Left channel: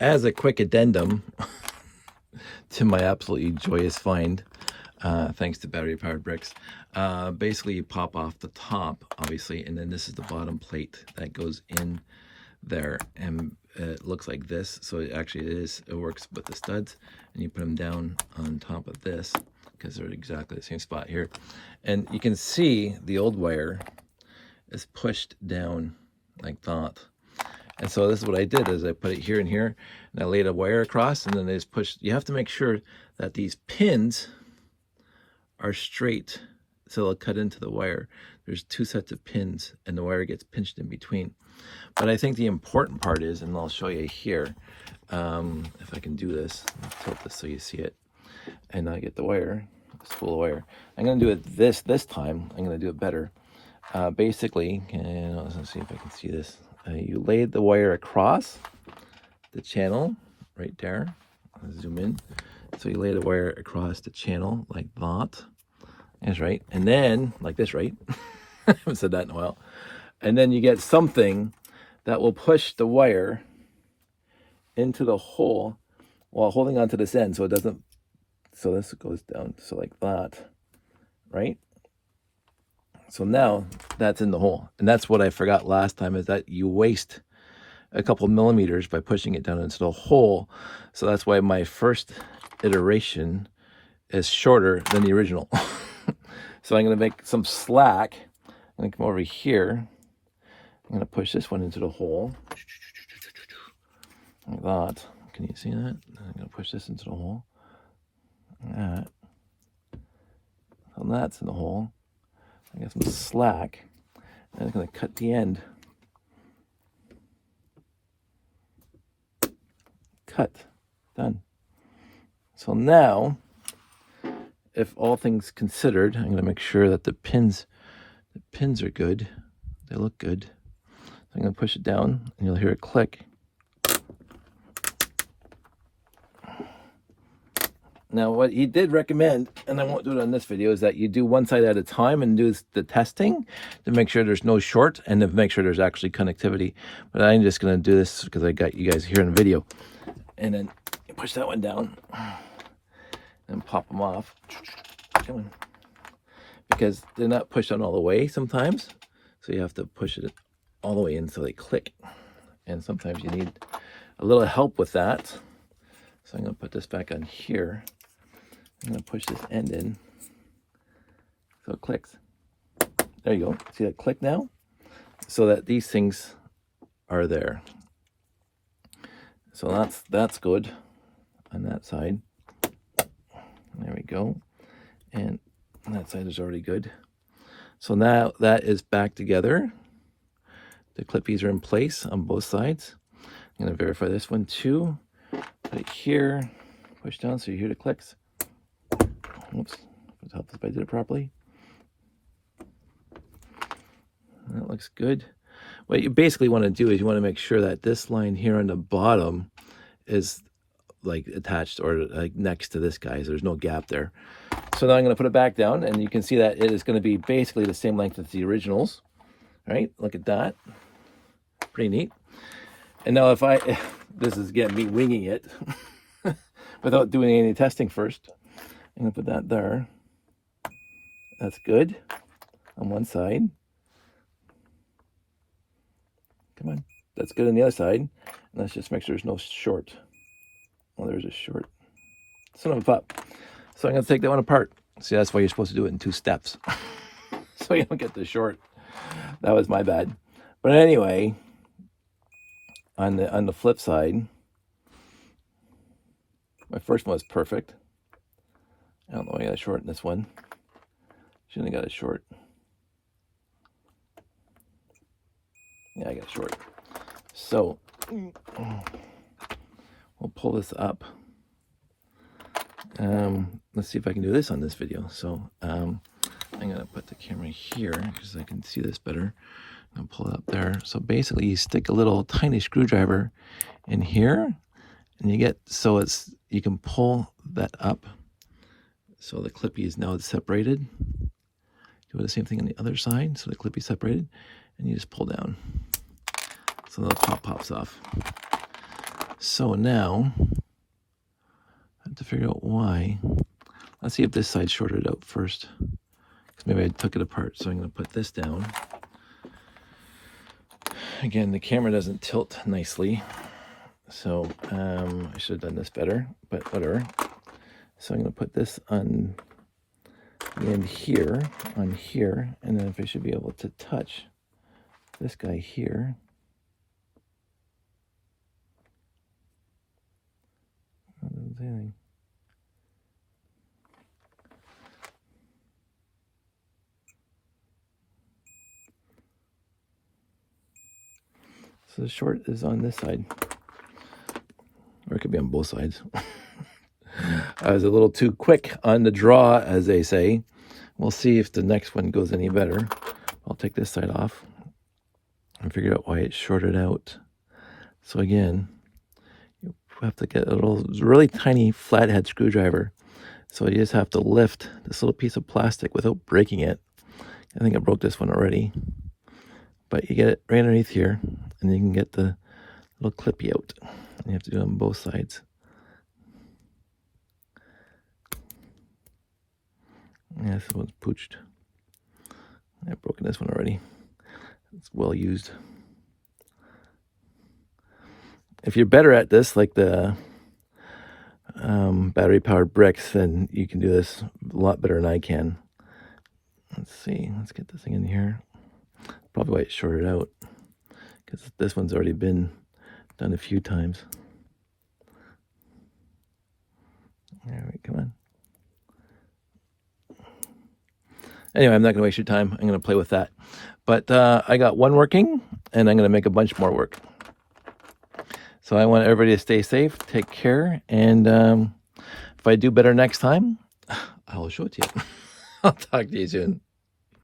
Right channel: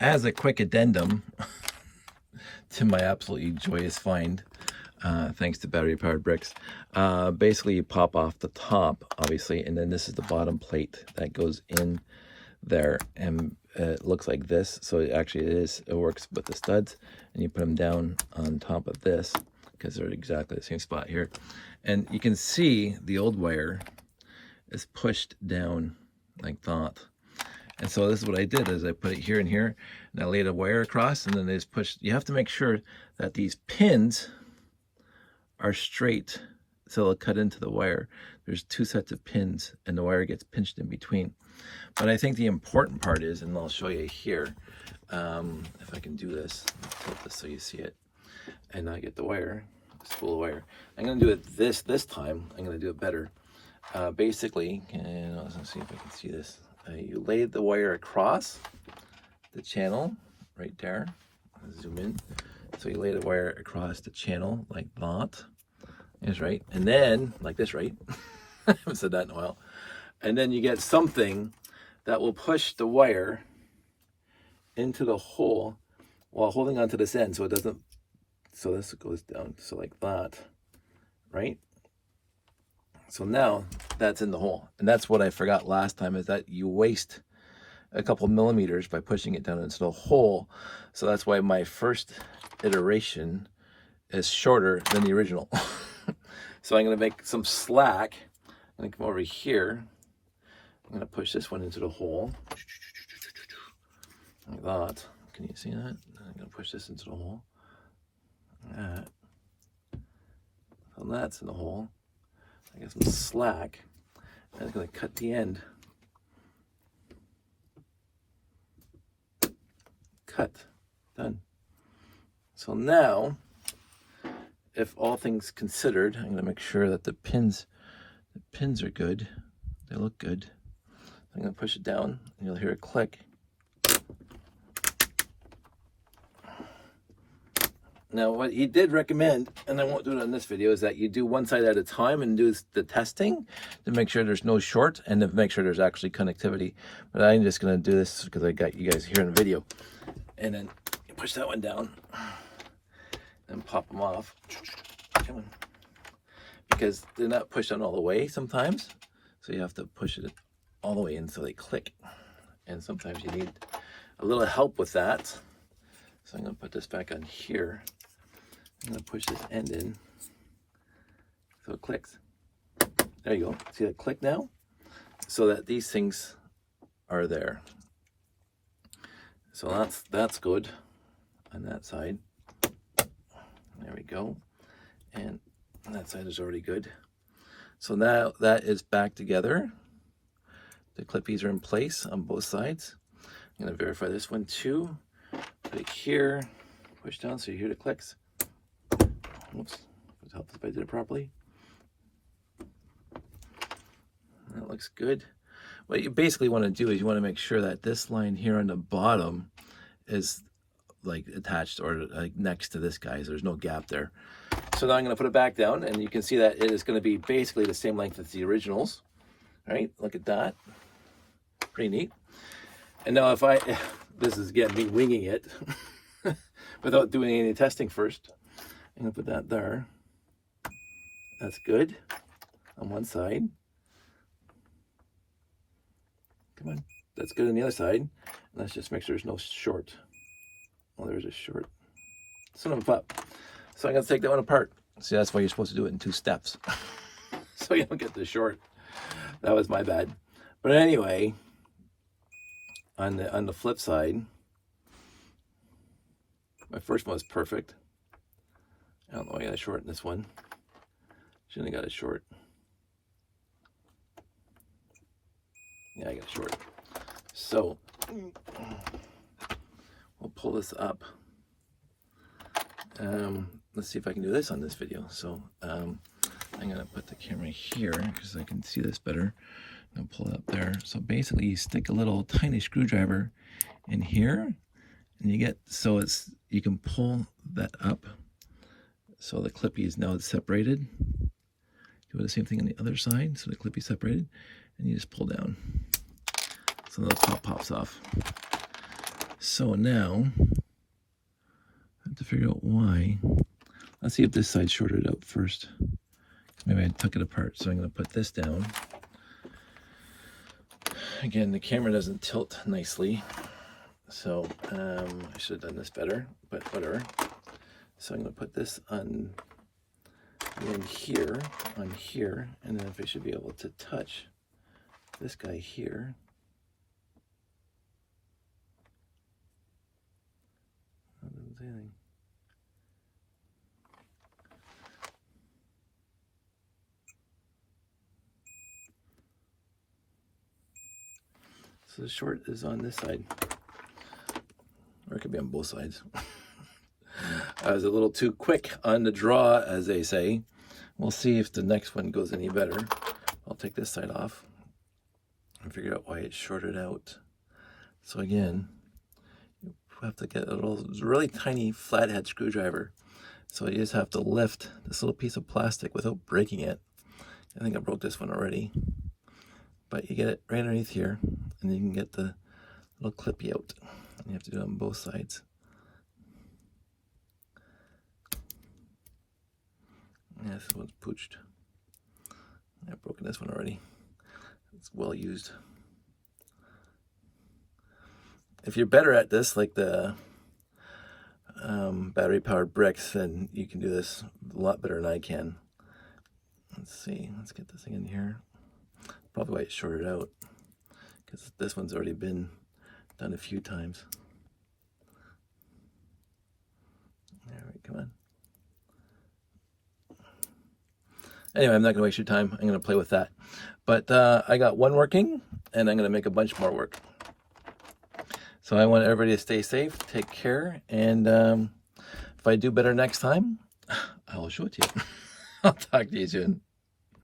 as a quick addendum to my absolutely joyous find, thanks to Battery Powered Bricks, basically you pop off the top, obviously, and then this is the bottom plate that goes in there, and it looks like this. So it works with the studs, and you put them down on top of this because they're exactly the same spot here, and you can see the old wire is pushed down like that. And so this is what I did, is I put it here and here, and I laid a wire across, and then they just pushed. You have to make sure that these pins are straight, so they'll cut into the wire. There's 2 sets of pins, and the wire gets pinched in between. But I think the important part is, and I'll show you here, if I can do this, I'll tilt this so you see it, and I get the wire, spool of wire. I'm going to do it this time. I'm going to do it better. Basically, let's see if I can see this. You lay the wire across the channel right there. I'll zoom in. So you lay the wire across the channel like that. That's right. And then, like this, right? I haven't said that in a while. And then you get something that will push the wire into the hole while holding onto this end so it doesn't, so this goes down, so like that, right? So now that's in the hole. And that's what I forgot last time, is that you waste a couple millimeters by pushing it down into the hole. So that's why my first iteration is shorter than the original. So I'm going to make some slack. I'm going to come over here. I'm going to push this one into the hole. Like that. Can you see that? I'm going to push this into the hole. Like that. And that's in the hole. I got some slack, and I'm going to cut the end. Cut. Done. So now, if all things considered, I'm going to make sure that the pins are good. They look good. So I'm going to push it down, and you'll hear it click. Now, what he did recommend, and I won't do it on this video, is that you do one side at a time and do the testing to make sure there's no short and to make sure there's actually connectivity. But I'm just going to do this because I got you guys here in the video. And then you push that one down and pop them off. Because they're not pushed on all the way sometimes. So you have to push it all the way in so they click. And sometimes you need a little help with that. So I'm going to put this back on here. I'm going to push this end in so it clicks. There you go. See that click now? So that these things are there. So that's good on that side. There we go. And that side is already good. So now that is back together. The clippies are in place on both sides. I'm going to verify this one too. Put it here, push down so you hear the clicks. Oops, it helps if I did it properly. That looks good. What you basically want to do is you want to make sure that this line here on the bottom is like attached or like next to this guy, so there's no gap there. So now I'm going to put it back down, and you can see that it is going to be basically the same length as the originals. Right? Look at that. Pretty neat. And now if this is getting me winging it without doing any testing first. I'm going to put that there. That's good on one side. Come on. That's good on the other side. And let's just make sure there's no short. Well, there's a short. Son of a pup. So I'm going to take that one apart. See, that's why you're supposed to do it in 2 steps. So you don't get the short. That was my bad. But anyway, on the flip side, my first one was perfect. I don't know why I got a short in this one. Shouldn't have got a short. Yeah, I got a short. So we'll pull this up. Let's see if I can do this on this video. So I'm going to put the camera here because I can see this better. I'm going to pull it up there. So basically you stick a little tiny screwdriver in here, and you get, so you can pull that up. So the clippy is now separated. Do the same thing on the other side. So the clippy is separated, and you just pull down. So the top pops off. So now, I have to figure out why. Let's see if this side shorted out first. Maybe I took it apart. So I'm going to put this down. Again, the camera doesn't tilt nicely. So I should have done this better, but whatever. So I'm going to put this on the end here, on here, and then if I should be able to touch this guy here. So the short is on this side, or it could be on both sides. I was a little too quick on the draw, as they say. We'll see if the next one goes any better. I'll take this side off and figure out why it's shorted out. So again, you have to get a little, really tiny flathead screwdriver. So you just have to lift this little piece of plastic without breaking it. I think I broke this one already. But you get it right underneath here, and you can get the little clippy out. And you have to do it on both sides. Yeah, this one's pooched. I've broken this one already. It's well used. If you're better at this, like the battery powered bricks, then you can do this a lot better than I can. Let's see, let's get this thing in here. Probably why it's shorted out, because this one's already been done a few times. All right, come on. Anyway, I'm not going to waste your time. I'm going to play with that. But I got one working, and I'm going to make a bunch more work. So I want everybody to stay safe, take care, and if I do better next time, I'll show it to you. I'll talk to you soon.